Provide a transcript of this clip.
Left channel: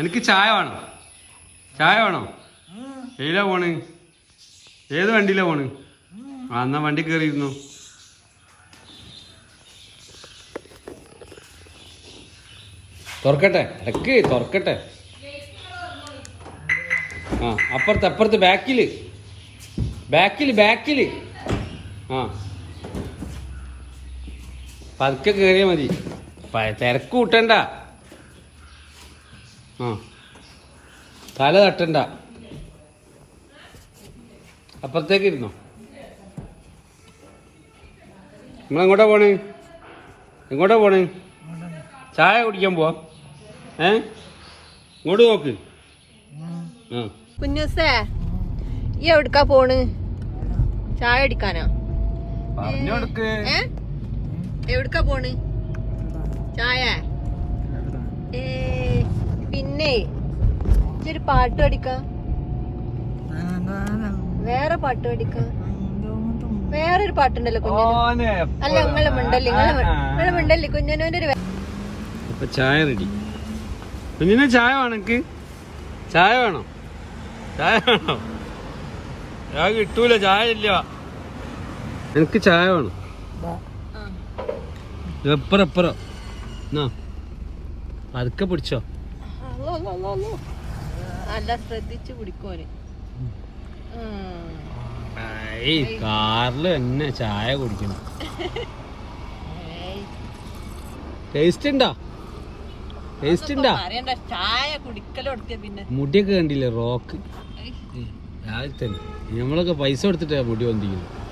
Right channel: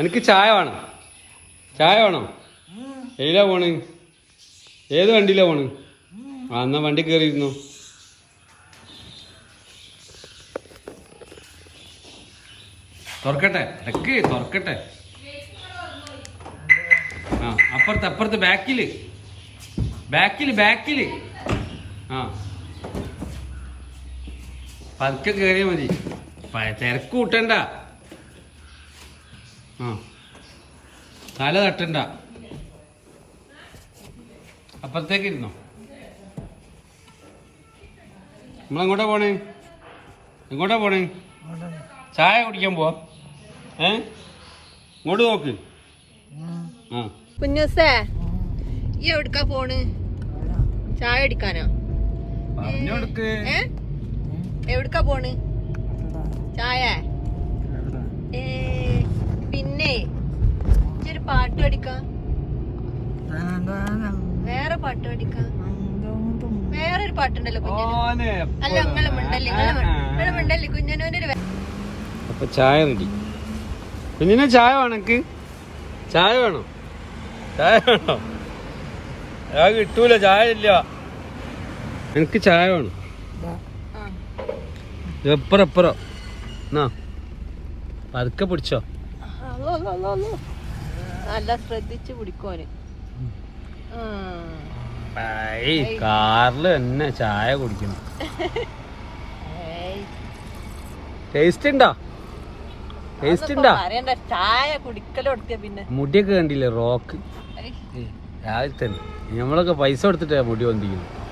എനിക്ക് ചായ വേണം. ചായ വേണം. ഏതിലാ പോണ്? ഏത് വണ്ടിയിലാ പോണ്? എന്നാ വണ്ടി കയറിയിരുന്നു. തുറക്കട്ടെ, ഇടക്ക് തുറക്കട്ടെ. ആ അപ്പുറത്ത് ബാക്കില് ആ പതുക്കെ കയറിയാ മതി. തിരക്ക് കൂട്ടണ്ട. ആ തല തട്ടണ്ട. അപ്പുറത്തേക്ക് ഇരുന്നു. നിങ്ങളെങ്ങോട്ടാ പോണേ? എങ്ങോട്ടാ പോണേ? ചായ കുടിക്കാൻ പോവാ. ഇങ്ങോട്ട് നോക്ക്. കുഞ്ഞുസേ ഈ എവിടുക്കാ പോണ്? ചായ അടിക്കാനോ? പറഞ്ഞോടുക്ക്. എവിടുക്കാ പോണ്? ചായ? പിന്നെ ഒരു പാട്ട് പഠിക്കാം. വേറെ പാട്ട് പഠിക്കാം. വേറൊരു പാട്ടുണ്ടല്ലോ കുഞ്ഞിന്. അല്ല നിങ്ങളെ മിണ്ടല്ലേ കുഞ്ഞിനൊരു. അപ്പൊ ചായ റെഡി. കുഞ്ഞിനെ ചായ വേണം. എനിക്ക് ചായ വേണോ? ചായ വേണോ? ചായ കിട്ടൂല. ചായ ഇല്ല. എനിക്ക് ചായ വേണം. എപ്പറോ എന്നാ പതുക്കെ പിടിച്ചോ. നല്ല ശ്രദ്ധിച്ച് പിടിക്കോന്. കാറില് തന്നെ ചായ കുടിക്കണം. ടേസ്റ്റ് ഉണ്ടോ? ചായ കുടിക്കലെടുത്ത പിന്നെ മുടിയൊക്കെ കണ്ടില്ലേ? റോക്ക് രാവിലെ തന്നെ നമ്മളൊക്കെ പൈസ കൊടുത്തിട്ടാ മുടി വന്നിരിക്കുന്നത്.